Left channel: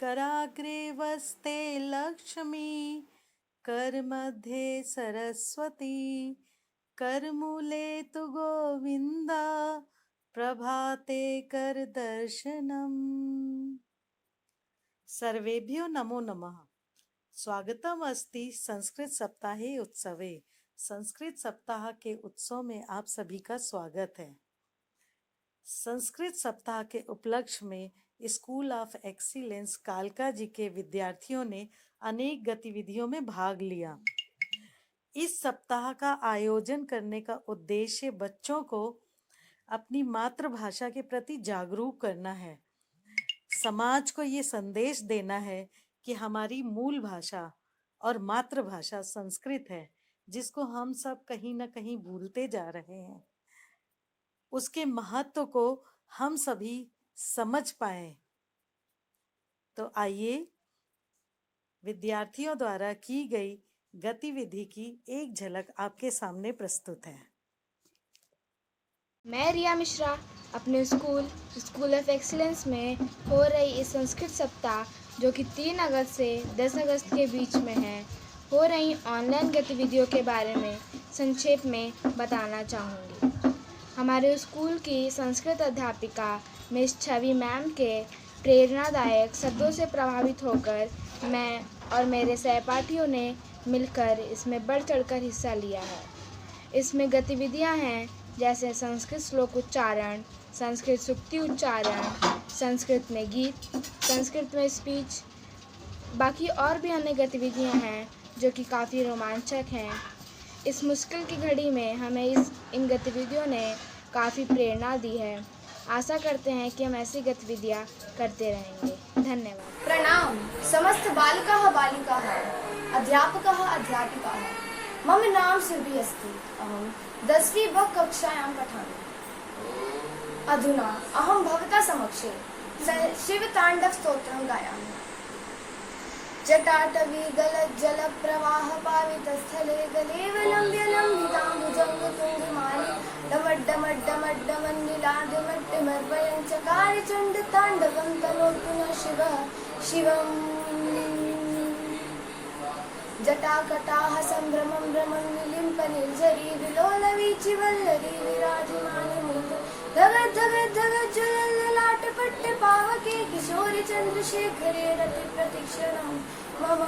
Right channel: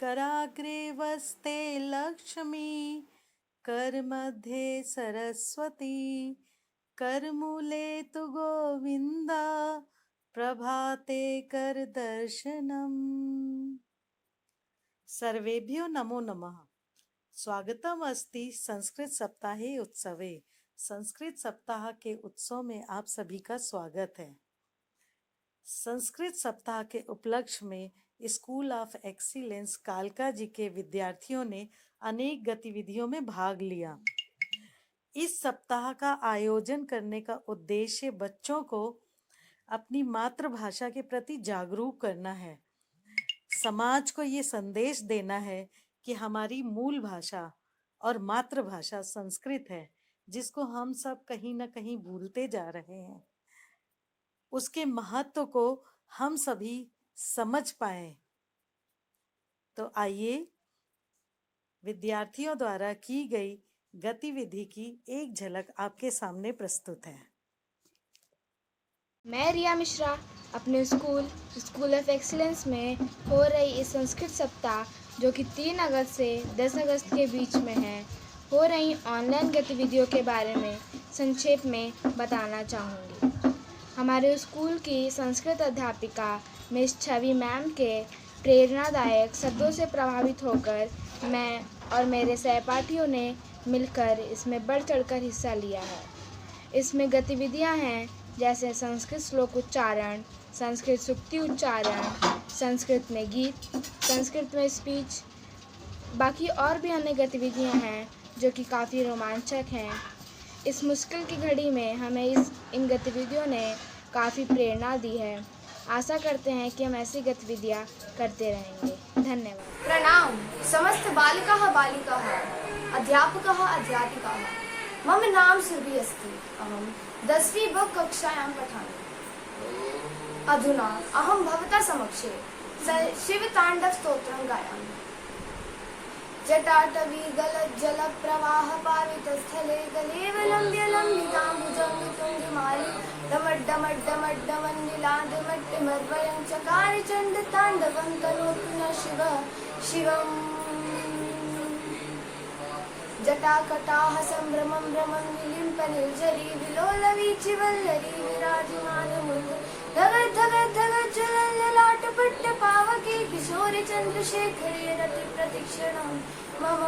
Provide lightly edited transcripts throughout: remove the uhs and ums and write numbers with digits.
कराग्रे वस्ते लक्ष्मी, करमध्ये सरस्वती, करमूले तु गोविन्दा, प्रभाते कर दर्शनम। सर्वेभ्यो नमो नमः। स्वागतम अस्ति संस्कृत सप्ताहे उत्सवे। संस्कृत सप्ताह के उत्सव में आप सभी का स्वागत है। संस्कृत सप्ताह के उपलक्ष्य में स्कूल ऑफ एक्सीलेंस कालका जी के विद्यार्थियों ने अनेक गतिविधियों में भाग लिया। इस सप्ताह का आयोजन करने का उद्देश्य बच्चों को अपनी मातृभाषा के प्रति जागरूक करना है। समाज को ये संदेश देना है कि हमारी मूल भाषा और मातृभाषा संस्कृत है, जिसको हम सब कहीं ना कहीं भूलते जा रहे हैं। उसके महत्व को हम सभी समझ पाए। तो आइए विद्यार्थियों द्वारा की गई गतिविधि की एक झलक आपके सामने प्रस्तुत है। मैं रिया मिश्रा अपने स्कूल ऑफ एक्सीलेंस में हो रही इस संस्कृत सप्ताह, जो कि 3 अगस्त से 10 अगस्त के बीच में है, हो रही ऑनलाइन गतिविधियों के बारे में संक्षेप में बताना चाहूँगी। हमारे स्कूल की संस्कृत अध्यापिका मिस छवि मैम के प्रेरणादायक शब्दों से प्रभावित होकर मैं और मेरे सहपाठियों ने मिलकर इसमें बढ़ चढ़कर हिस्सा लिया है। इसमें गतिविधियां हैं जैसे संस्कृत श्लोक उच्चारण, संस्कृत सूक्ति उच्चारण, संस्कृत में गीत, संस्कृत में स्पीच, बाकी और भी अन्य गतिविधियां हैं जो कि काफ़ी रोमांचक हैं। इस मुश्किल की घड़ी में हमें इन गतिविधियों ने काफ़ी प्रेरणा दी है। आशा करते हैं कि हम ऐसी गतिविधियां करते रहेंगे। धन्यवाद। प्रणाम समस्त बालकाः बालिकाः, अध्यापकाः अध्यापिकाः। मम नाम सुरभि अस्ति। अहं 10वीं ब कक्षायां पठामि। अधुना अहं भवता समक्षे शिवताण्डव स्तोत्रं गायामि। जटाटवी गलज्जल प्रवाह पावितस्थले गलेवलम्ब्य लम्बिताम्बुजङ्ग तुङ्गमाली डमड्डमड्डमड्डमन्निलाद्यमट्टिमर्वयं चकार चण्ड ताण्डवं तनोतु न शिवः शिवम्। जटाकटाः सम्भ्रमं भ्रमं विलिम्प निर्झरी विलोलवीचि वल्लरी विराजमानमुग्ध धगद् धगद् धगद् ज्वलल्ललाटपट्ट पावके किशोरि चन्द्रशेखरे रति प्रतिक्षणं मम।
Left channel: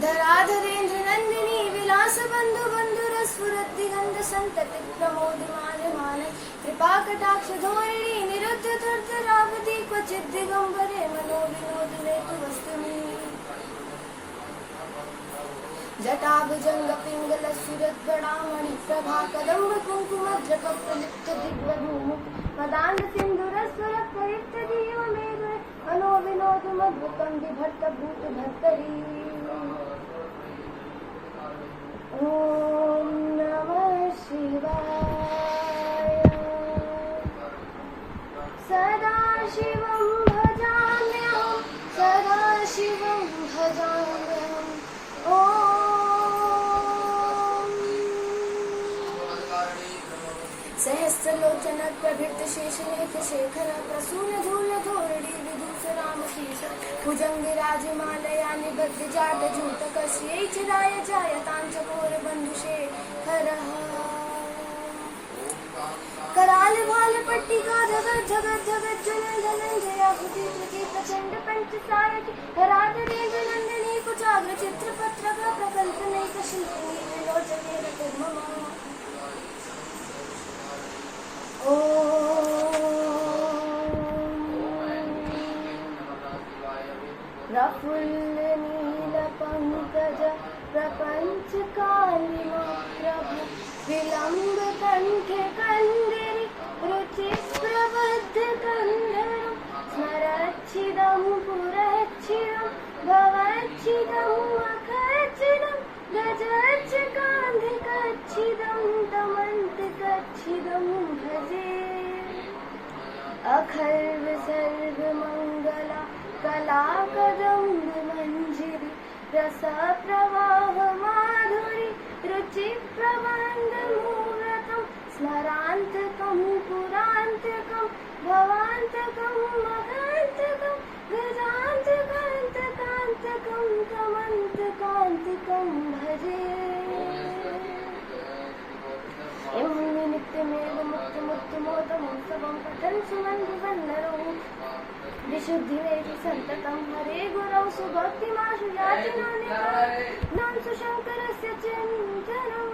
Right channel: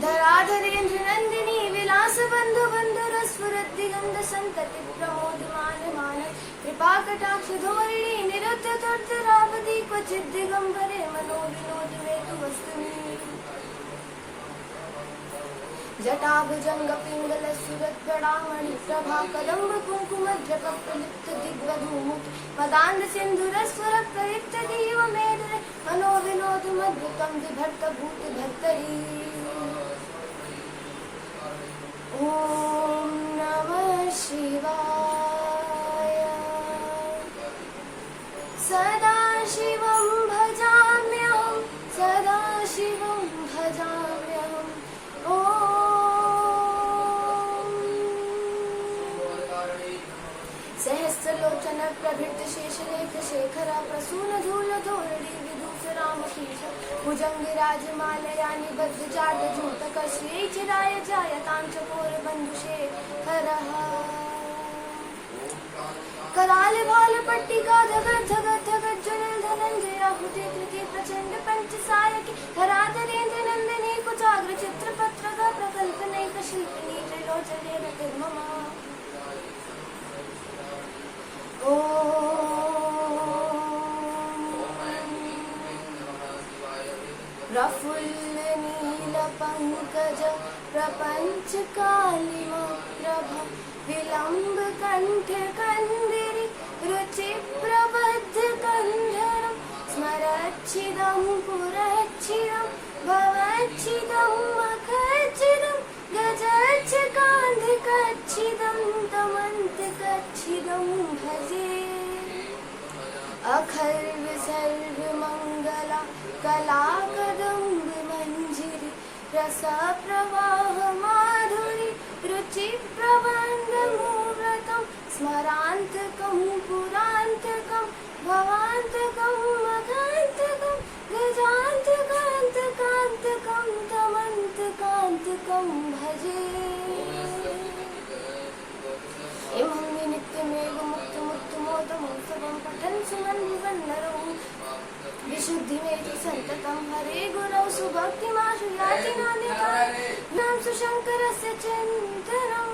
धराधरेन्द्र नन्दिनी विलास बन्धु बन्धुरस्फुरद्दिगन्ध सन्तति प्रमोदमान कृपाकटाक्ष धोरिणी निरुद्ध तर्जरावधि क्वचिद् दिगम्बरे मनोविनोद वेतु वस्तुनि। जटाभुजंग पिंगल सुरत गड़ामणि प्रभा कदम्ब कुंकुमद्रप प्रलिप्त दिग्वधूमुख मदान्ध सिंधुरस्वर प्रलिप्त दीव मेरुरे मनोविनोद मद्भुतं बिभर्त भूत भर्तरी। ओम नमः शिवाय। सदा शिवं भजाम्यहं, सदा शिवं भजाम्यहम्। सहस्रलोचन प्रभृत शेषनेत्र शेखर प्रसून धूल धोरणी विदूषरामशीष भुजंगिराजमालया निबद्ध जाट झूटक श्री चिराय जायतांचकोर बंधुशेखरः। कराल भाल पट्टिका जगत जगत जगत जनन धनंजयाहुति धृति प्रचंड पंचसारकी धराधरेन्द्र नंदिनी कुचाग्र चित्रपत्र का प्रकल्पनैक शिल्पिनी विलोचने रतिर्मम। प्रफुल्ल नील पंकज प्रपंच कालिमा प्रभ विलंब कंठ कंदिरी रुचि प्रबद्ध कंधरम स्मरच्छिदं पुरच्छिदं भवच्छिदं मखच्छिदं गजच्छकान्धिकच्छिदं दमन्तकच्छिदं भजे। अखर्व सर्व मंगला कला कदम्ब मंजिरी रस प्रवाह माधुरी रुचि प्रबंध मूर्तम स्मरांतकं पुरांतकं भवांतकं मघ वन्नरौ विशुद्धि मेति सन्ततं हरे गुरौ सुभक्तिमाशु याति नान्यथा सुशङ्करस्य चिन्तनं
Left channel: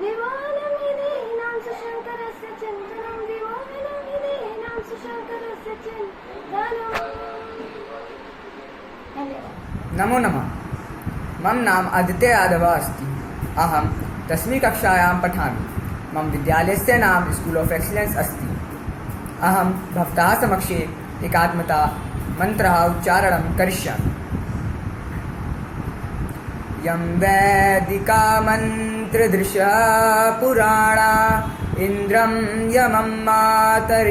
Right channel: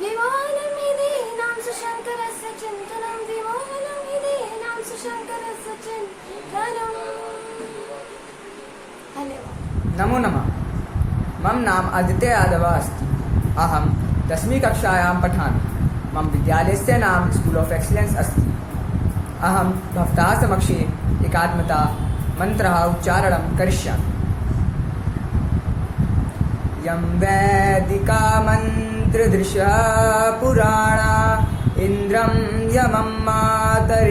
विमोहनमिदेनां सुशङ्करस्य चिन्तनं विमोहनमिदेनां सुशङ्करस्य चिन्तनम्। धन्यवाद। नमो नमः। मम नाम आदित्य यादव अस्ति। अहं 10वीं कक्षायां पठामि। मम विद्यालयस्य नाम स्कूल ऑफ एक्सीलेंस अस्ति। अहं भवतः समक्षे एकात्मता मन्त्रः उच्चारणं करिष्यामि। यं वैदिका मन्त्रदृशः पुराणा इन्द्रं यमं मातरिश्वानमाहु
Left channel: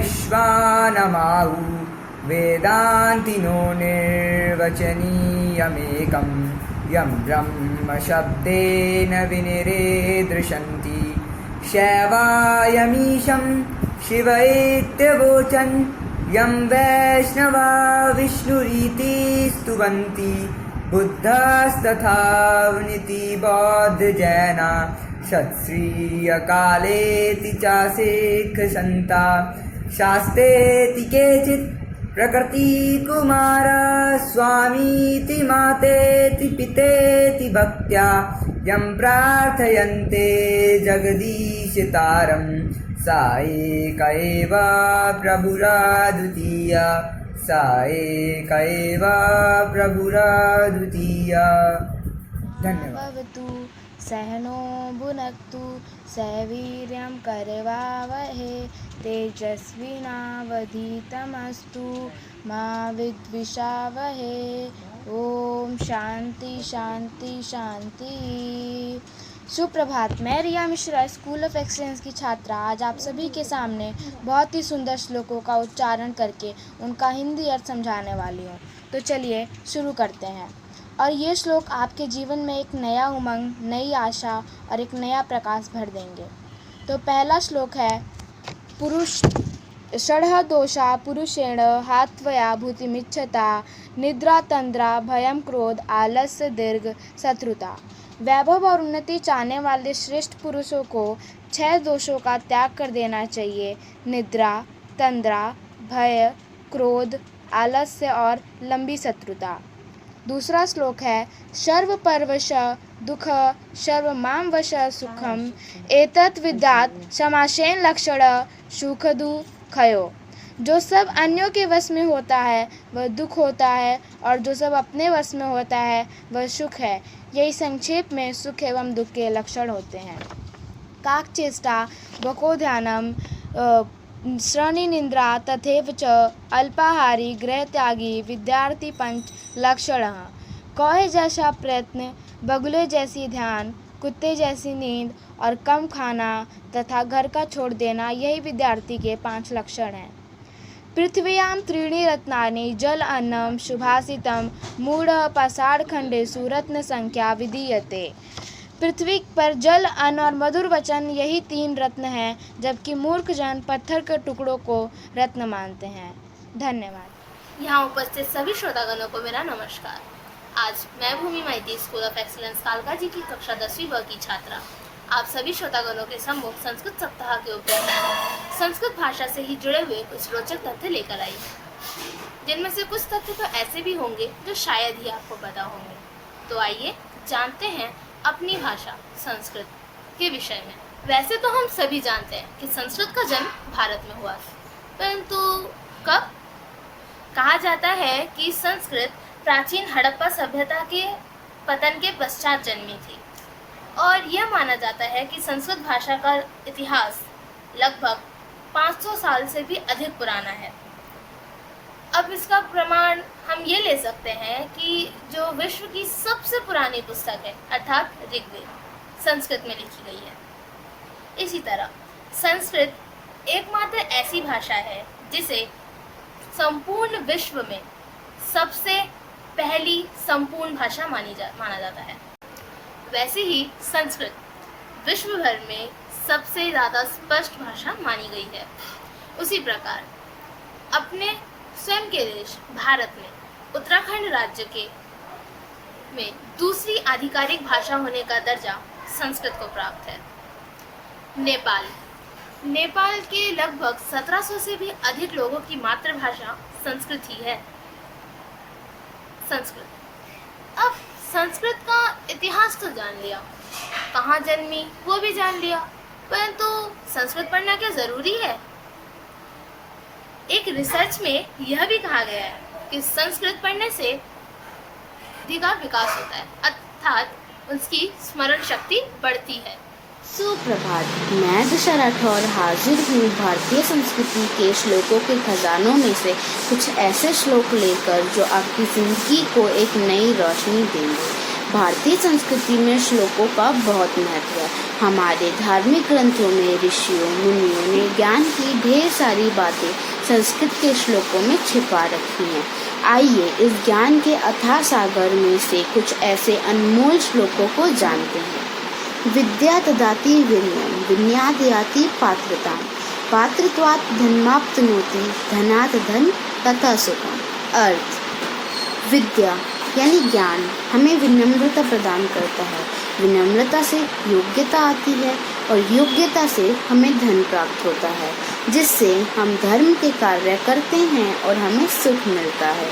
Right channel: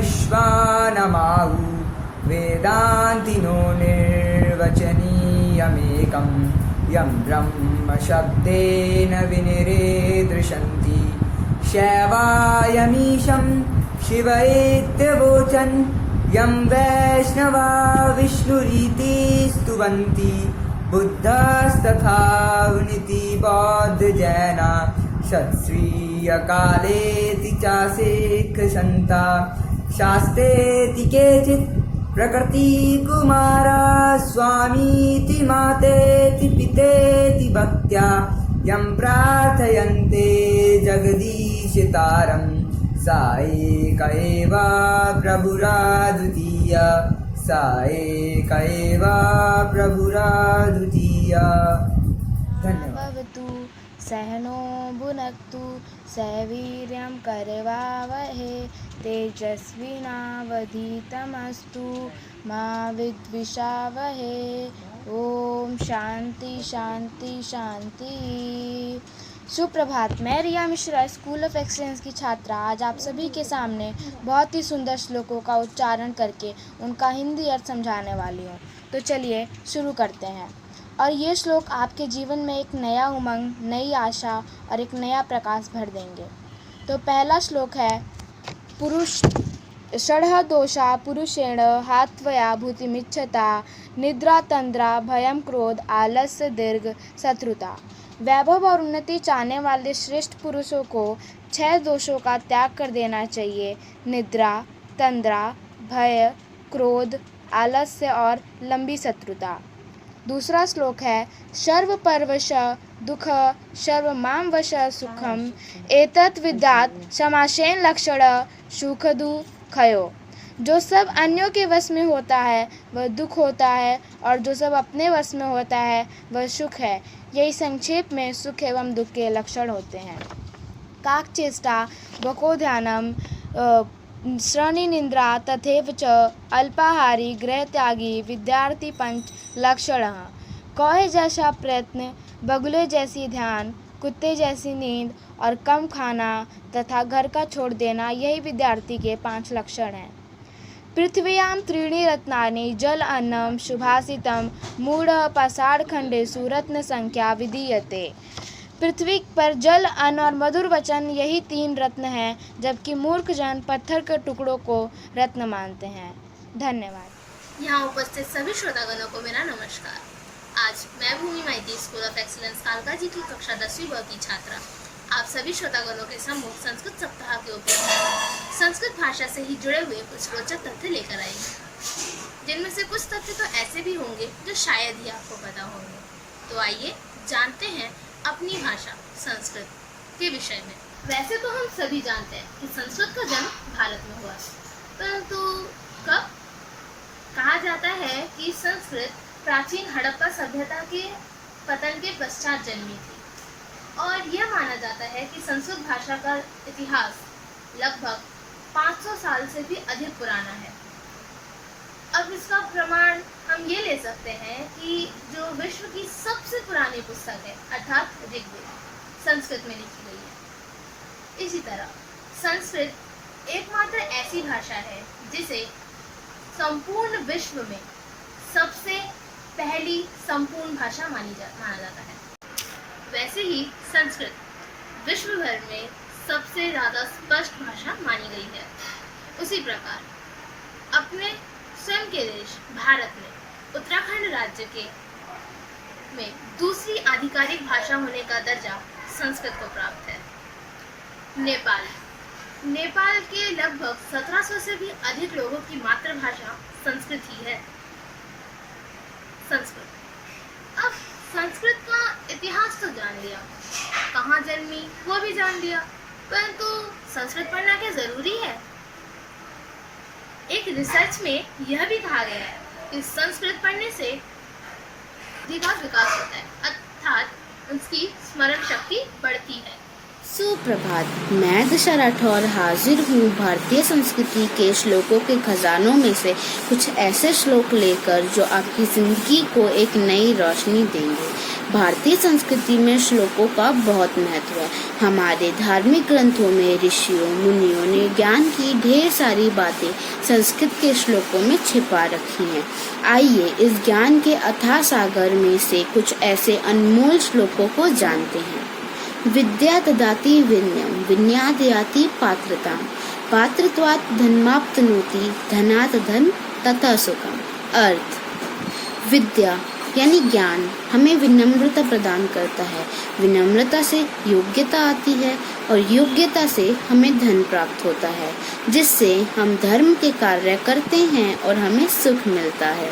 वेदान्तिनो निर्वचनीयमेकं यं ब्रह्मशब्देन विनिरेदृशन्ति शैवायमीशं शिव इत्यवोचन् यं वैष्णवा विष्णुरीति स्तुवन्ति बुद्धस्तथावनिति बौद्धजैना सत्श्रीयकालेति च सिक्खसन्ता शास्त्रेति केचित् प्रकृतिकुमारा स्वामीति मातेति पितेति भक्त्या यं प्रार्थयन्ते जगदीशतारं सा एका एव प्रभुराद्वितीया सा एका एव प्रभुराद्वितीया। धन्यवाद। भवतु सहनो भुनक्तु सवीर्यं करवावहे तेजस्विनावधीतमस्तु मा विद्विषावहे। ओम शांति शांति शांति। सुप्रभात। मैं रिया मिश्रा स्कूल ऑफ एक्सीलेंस की छात्रा आज आप सभी के सामने बहुत ही सुंदर श्लोकों का उच्चारण करके उनका हिंदी अर्थ समझाने वाली हूँ। तो चलिए शुरू करते हैं। और ये श्लोक आपके जीवन में एक नया उमंग, नई आशा और एक नया प्रकाश भर देंगे। तो पहला श्लोक है पुरुष षडः दोषा पुरुषेण हात्वया भूतिमिच्छता निद्रा तंद्रा भयम क्रोध आलस्य दीर्घ शत्रुता। वैभव और उन्नति चाहने वाले श्रेष्ठ पुरुषों को 6 दोषों का त्याग कर देना चाहिए: निद्रा, तंद्रा, भय, क्रोध, आलस्य और लंबी शत्रुता। दूसरा श्लोक है सर्वपर्वश दुख सर्वमांवश सुखम एतत् विद्यात् समासेन लक्षण सुख दुःखयो। जो सब अन्यों के वश में होता है वह दुख होता है और जो सब अपने वश में होता है वह सुख है। यही संक्षेप में सुख एवं दुख के लक्षण होते हैं। काकचेष्टा वकोध्यानम श्रेणीनिन्द्रा तथैव च अल्पाहारी गृहत्यागी विद्यार्थी पंच लक्षणः। कौवे जैसा प्रयत्न, बगुले जैसी ध्यान, कुत्ते जैसी नींद और कम खाना तथा घर का छोड़ देना, यही विद्यार्थी के 5 लक्षण हैं। पृथ्व्यां त्रीणि रत्नानि जल अन्नम सुभाषितम मूढ़ पाषाणखंडेषु रत्न संख्या विधीयते। पृथ्वी पर जल, अन्न और मधुर वचन, यही 3 रत्न हैं, जबकि मूर्ख जन पत्थर के टुकड़ों को रत्न मानते हैं। धन्यवाद। यहाँ उपस्थित सभी श्रोतागणों को मेरा नमस्कार। आज मैं भूमि माइती स्कूल ऑफ एक्सीलेंस कालका जी की कक्षा 10वीं ब की छात्रा आप सभी श्रोतागणों के सम्मुख संस्कृत सप्ताह के उपलक्ष्य में संस्कृत भाषा से ही जुड़े हुए कुछ रोचक तथ्य लेकर आई हूँ, जिनमें से कुछ तथ्य तो ऐसे भी होंगे जो शायद ही आपको पता होंगे। तो आइए जानते हैं अपनी भाषा संस्कृत के विषय में। वैसे तो हम सभी जानते हैं कि संस्कृत का जन्म भारत में हुआ, परंतु कब? कहा जाता है कि संस्कृत प्राचीन हड़प्पा सभ्यता के पतन के पश्चात जन्मी थी और यह माना जाता है कि संस्कृत भाषा का इतिहास लगभग 500 साल से भी अधिक पुराना है। अब इसका प्रमाण हम ये ले सकते हैं कि जो विश्व की सबसे पुरानी पुस्तक है अर्थात ऋग्वेद संस्कृत में लिखी गई है। इसी तरह संस्कृत एकमात्र ऐसी भाषा है जिसे संपूर्ण विश्व में सबसे पहली संपूर्ण भाषा माना जाता है। वैसे ही संस्कृत विश्व भर में सबसे ज़्यादा स्पष्ट भाषा मानी गई है। उसी प्रकार अपने स्वयं के देश भारत में उत्तराखंड राज्य के में दूसरी आधिकारिक भाषा होने का दर्जा संस्कृत को प्राप्त है। नेपाल नेपाल के लगभग 1700 से भी अधिक लोगों की मातृभाषा संस्कृत ही है। संस्कृत। अब संस्कृत का इतिहास तो जान लिया, कहाँ जन्मी वो भी जान लिया, परंतु संस्कृत पढ़ना क्या जरूरी है? एक रिसर्च में यह भी कहा गया है कि संस्कृत पढ़ने से बुद्धि का विकास होता है, अर्थात उसकी स्मरण शक्ति बढ़ती है। सुप्रभात, मैं दिशा राठौर हाजिर हूँ भारतीय संस्कृति के श्लोकों के खजानों में से कुछ ऐसे श्लोक लेकर जो आपकी जिंदगी को एक नई रोशनी देंगे। भारतीय संस्कृति में श्लोकों का बहुत महत्व है। हमारे धार्मिक ग्रंथों में ऋषियों मुनियों ने ज्ञान की ढेर सारी बातें संस्कृत के श्लोकों में छिपा रखी हैं। आइए इस ज्ञान के अथाह सागर में से कुछ ऐसे अनमोल श्लोकों को जानते हैं। विद्या ददाति विनयम विनयाद् याति पात्रताम पात्रत्वात् धनमाप्नोति धनात् धन तथा सुखम। अर्थ, विद्या यानी ज्ञान हमें विनम्रता प्रदान करता है, विनम्रता से योग्यता आती है और योग्यता से हमें धन प्राप्त होता है, जिससे हम धर्म के कार्य करते हैं और हमें सुख मिलता है।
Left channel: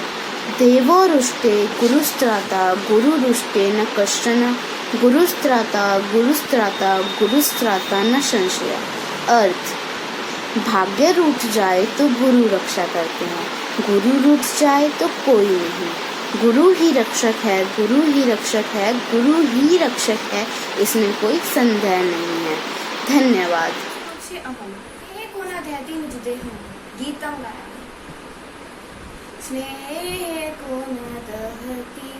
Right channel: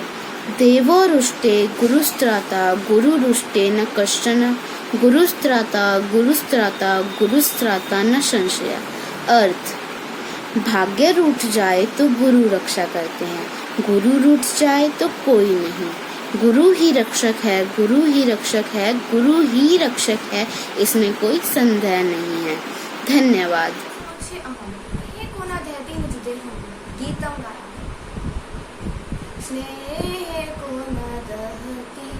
देवो रुष्टे गुरुस्त्राता गुरु रुष्टे न कश्चन गुरुस्त्राता गुरुस्त्राता गुरुस्त्राता न संशय। अर्थ, भाग्य रूठ जाए तो गुरु रक्षा करते हैं, गुरु रूठ जाए तो कोई नहीं। गुरु ही रक्षक है, गुरु ही रक्षक है, गुरु ही रक्षक है, इसमें कोई संदेह नहीं है। धन्यवाद। गीतम गाया स्नेह को न दहती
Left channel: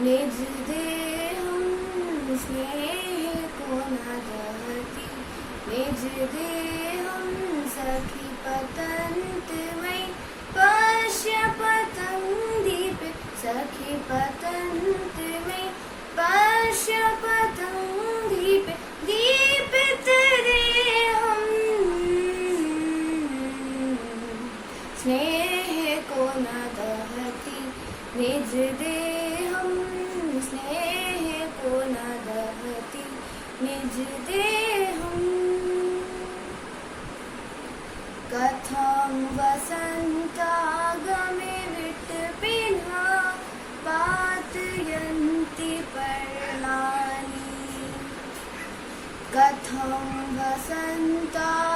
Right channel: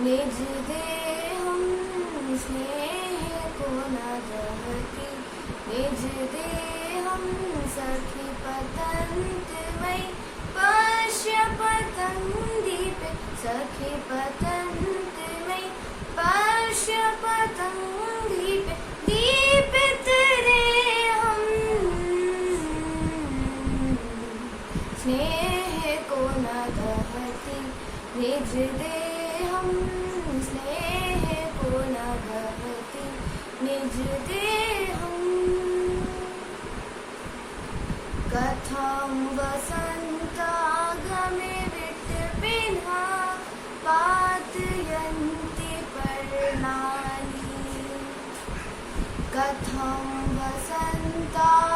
निज देहम स्नेह को न दहती निज देहम सखी पतंतमयी पश्य पतंगदीपे सखी पतंतमयी पश्य पतंगदीपे दीपित रेहम स्नेह को न दहती निज देहम स्नेह को न दहती निज देहम। कथं वसन्तागमे विटपिन्हा पातयन्ति पर्णानि कथं वसन्तागमे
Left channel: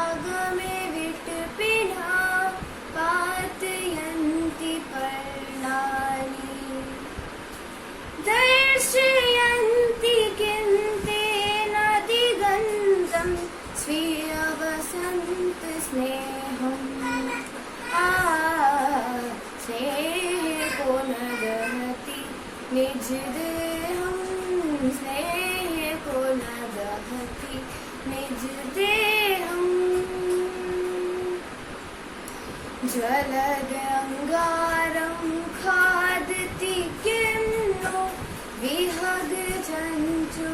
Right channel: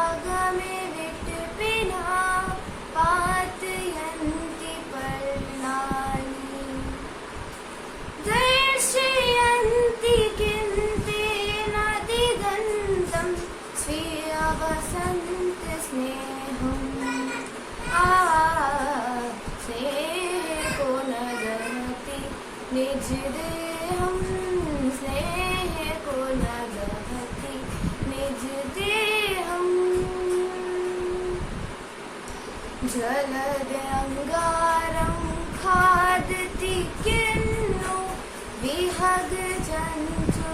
विटपिन्हा पातयन्ति पर्णानि दर्शयन्ति किन्तेन दिगन्तं स्वीय वसन्त स्नेहम्। स्नेह को न दहति निज देहं स्नेह को न दहति निज देहं। जलदंगारं खादति किन्नु विहग चंचु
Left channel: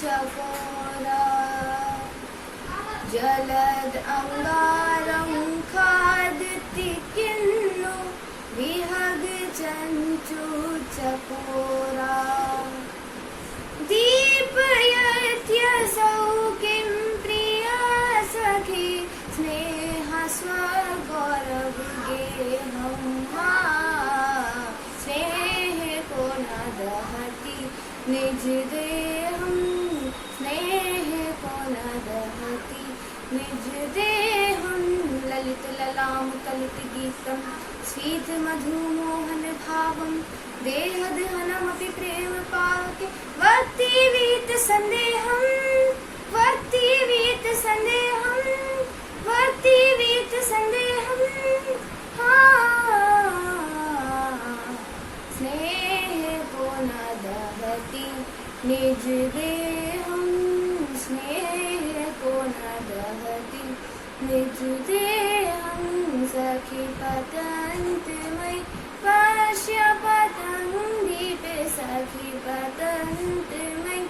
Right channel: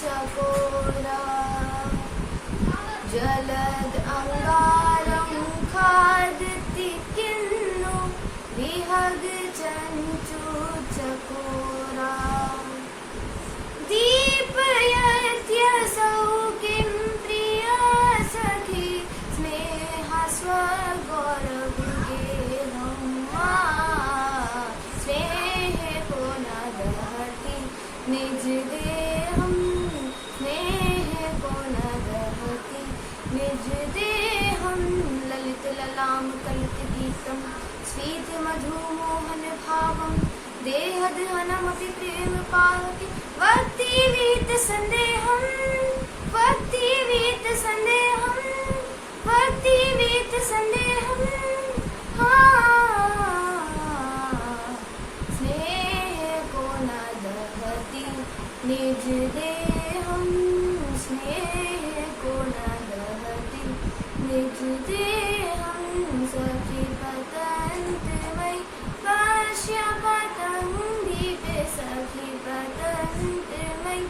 चकोरा जलद अंगारं खादति किन्नु विहग चंचु चकोरा दीपयत्यसौ किं प्रिया सखी स्नेह स्वगौरवगेहं। स्नेह को न दहति निज देहं स्नेह को न दहति निज देहं। ललित ललाम कलित गीतम स्वीत मधुमोहन भावम देहद हनमति प्रेम पावके वक्ति वीत संदेहम वक्ति वीत संदेहम वक्ति वीत संदेहम। स्नेह को न दहति निज देहं स्नेह को न दहति निज देहं। सखी पतंतमयी पश्य पतंगदीपे सखी पतंतमयी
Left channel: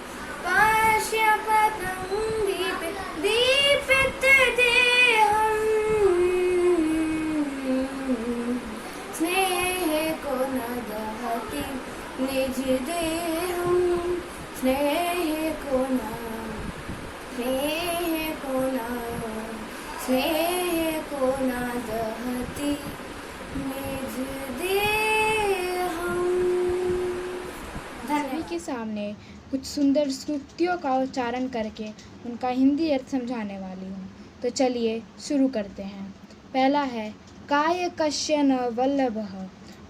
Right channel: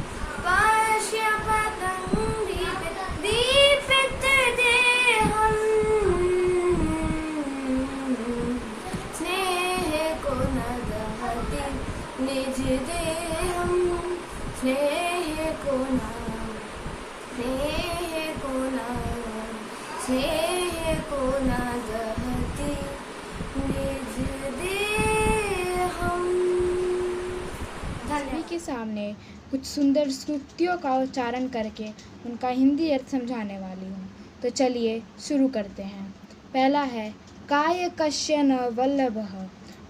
पश्य पतंगदीपे दीपित देहं। स्नेह को न दहति निज देहं स्नेह को न ध्येय को न दहती निज देहम। सभी के सामने कुछ सुंदर सूक्तियों का उच्चारण करके उनका हिंदी अर्थ समझाने वाली हूँ। तो चलिए शुरू करते हैं। पहला है काय कस्य न वल्लभः।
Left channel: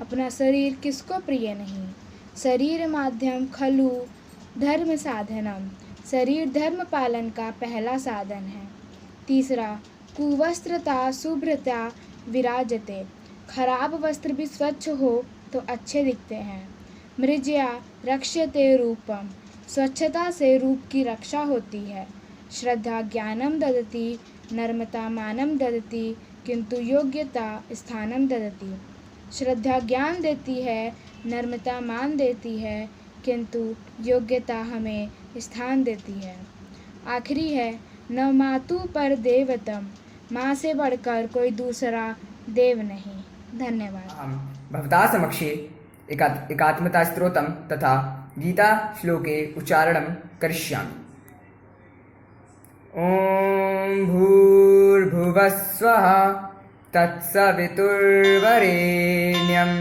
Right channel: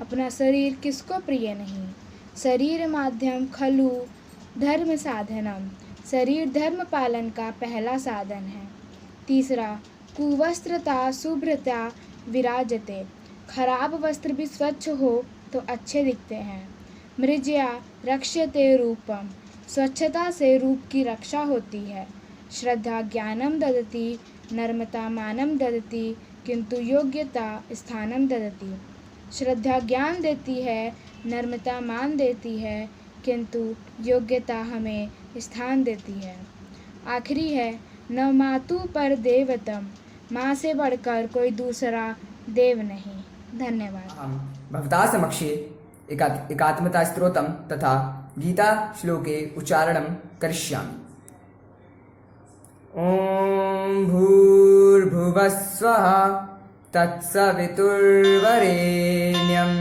अपना शरीर किसको प्रिय नहीं। शरीर माध्यम खलु धर्म साधनम। शरीर धर्म पालन का पहला साधन है। तीसरा कुवस्त्रता शुभ्रता विराजते। खराब वस्त्र भी स्वच्छ हो तो अच्छे दिखते हैं। मृज्या रक्ष्यते रूपम। स्वच्छता से रूप की रक्षा होती है। श्रद्धा ज्ञानम ददति नर्मता मानम ददति किंतु योग्यता स्थानम ददति। श्रद्धा ज्ञान देती है, नर्मता मान देती है, किंतु योग्यता हमें स्थान देती है। आखिरी है न मातु पर देवतम। माँ से बढ़कर कोई दूसरा देव नहीं। धन्यवाद। अहं भवता समक्षे एकात्मता स्तोत्रं तथा गीता श्लोके उच्चारणं करिष्यामि। ॐ भूर्भुवस्वः तत्सवितुर्वरेण्यं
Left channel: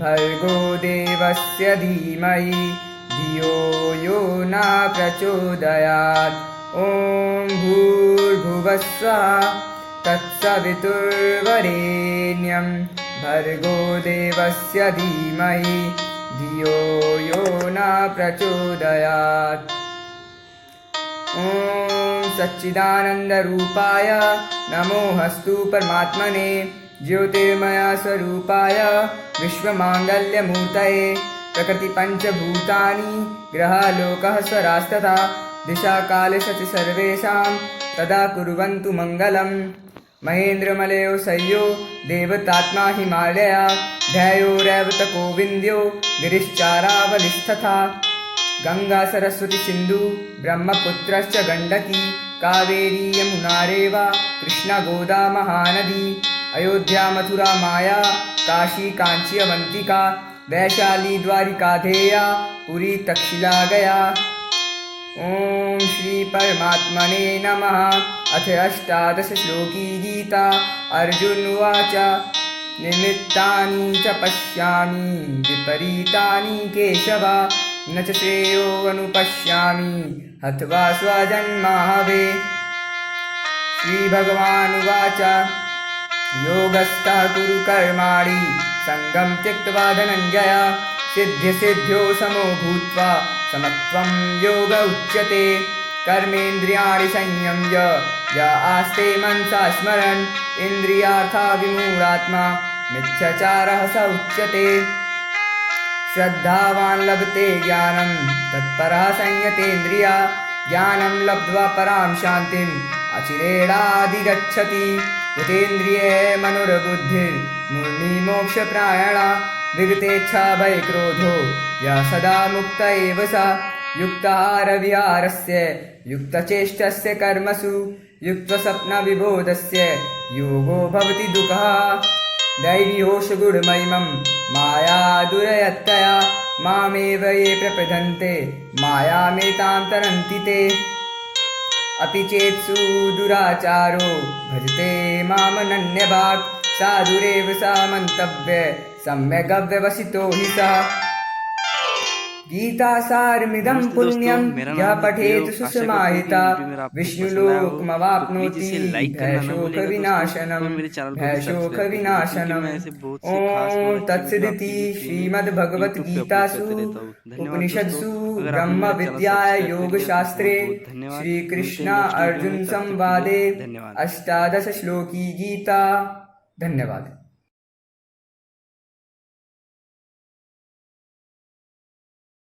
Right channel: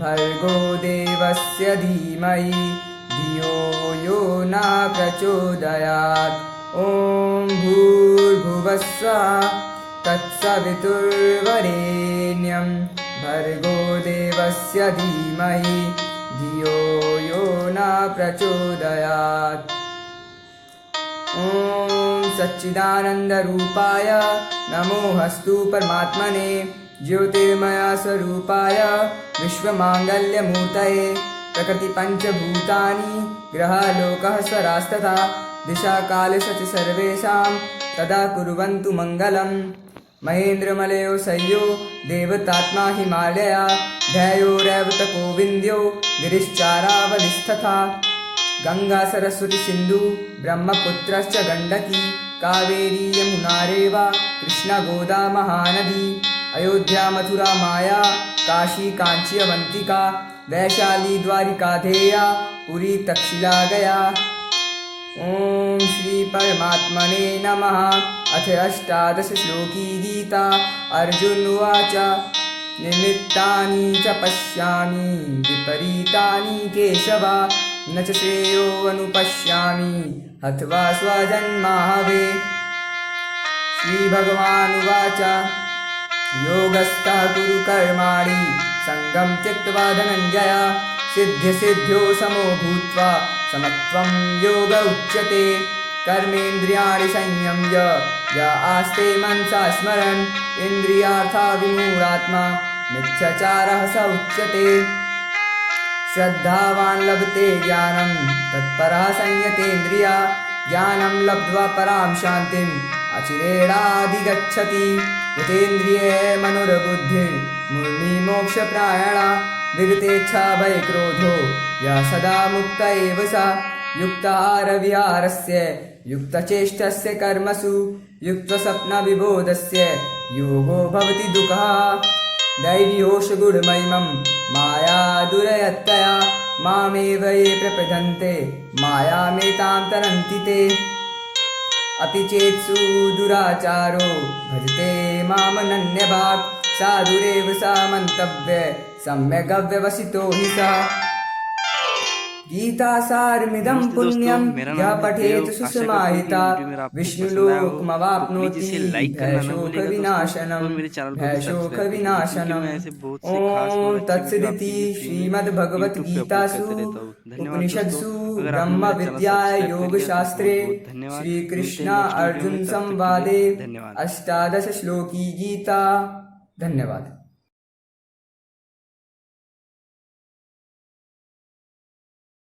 भर्गो देवस्य धीमहि धियो यो न प्रचोदयात्। ॐ भूर्भुवस्वः तत्सवितुर्वरेण्यं भर्गो देवस्य धीमहि धियो यो न प्रचोदयात्। ॐ सच्चिदानन्दरूपाय नमोऽस्तु परमात्मने ज्योतिर्मय स्वरूपाय विश्वमाङ्गल्यमूर्तये प्रकृतिपञ्चभूतानि ग्रहलोकः स्वरास्तथा दिशाकालश्च सर्वेषां तदा कुर्वन्तु मङ्गलम्। महेन्द्रमलयो शय्यो देवतात्मा हिमालया ध्ययो रैवतको विन्द्यो गिरिश्चारावलिस्तथा गंगा सरस्वती सिंधु ब्रह्मपुत्रश्च गंडकी कावेरी यमुना रेवा कृष्णा गोदा महानदी अयोध्या मथुरा माया काशी कांची अवंतिका वैशाली द्वारिका धेया पुरी तक्षशिला गया। ओम श्री परमात्मने नमः। अथ अष्टादश श्लोकी गीता। अर्जुन उवाच निमित्तानि च पश्यामि विपरीतानि केशव न च श्रेयो अनुपश्यामि हत्वा स्वजन्माहवे। श्री भगवान् उवाच योगस्थः कुरु कर्माणि संगं त्यक्त्वा धनञ्जय सिद्ध्यसिद्ध्यो समो भूत्वा समत्वं योग उच्यते। कर्मेन्द्रियाणि संयम्य य आस्ते मनसा स्मरन् इन्द्रियार्था विमूढात्मा मिथ्याचारः स उच्यते। श्रद्धावान् लभते ज्ञानं तत्परः संयतेन्द्रिया ज्ञानं लब्ध्वा परां शान्तिम् अचिरेणाधिगच्छति। यतेन्द्रिये मनुर्बुद्धिर्मुनिमोक्षप्रायणा विगतेच्छा भयक्रोधो यः सदा मुक्त एव स। युक्ताहारविहारस्य युक्तचेष्टस्य कर्मसु युक्तस्वप्नविबोधस्य योगो भवति दुःखः। दैवीहोषगुणमयिमं माया दुरयत्तया मामेव ये प्रपद्यन्ते मायामेतां तरन्ति ते। अपि चेत्सु दुराचारो भजते मामनन्यभाक् साधुरेव सा मन्तव्य सम्यगव्यवसितो हि सः। गीतासारमिदं पुण्यं यः पठेत् सुसमाहिता विष्णुलोकमवाप्नोति भयशोकविनाशनम्। ॐ तत्सदिति श्रीमद्भगवद्गीतासु उपनिषत्सु ब्रह्मविद्यायां योगशास्त्रे श्रीकृष्ण अर्जुन संवादे 18 श्लोकी गीता। धन्यवाद।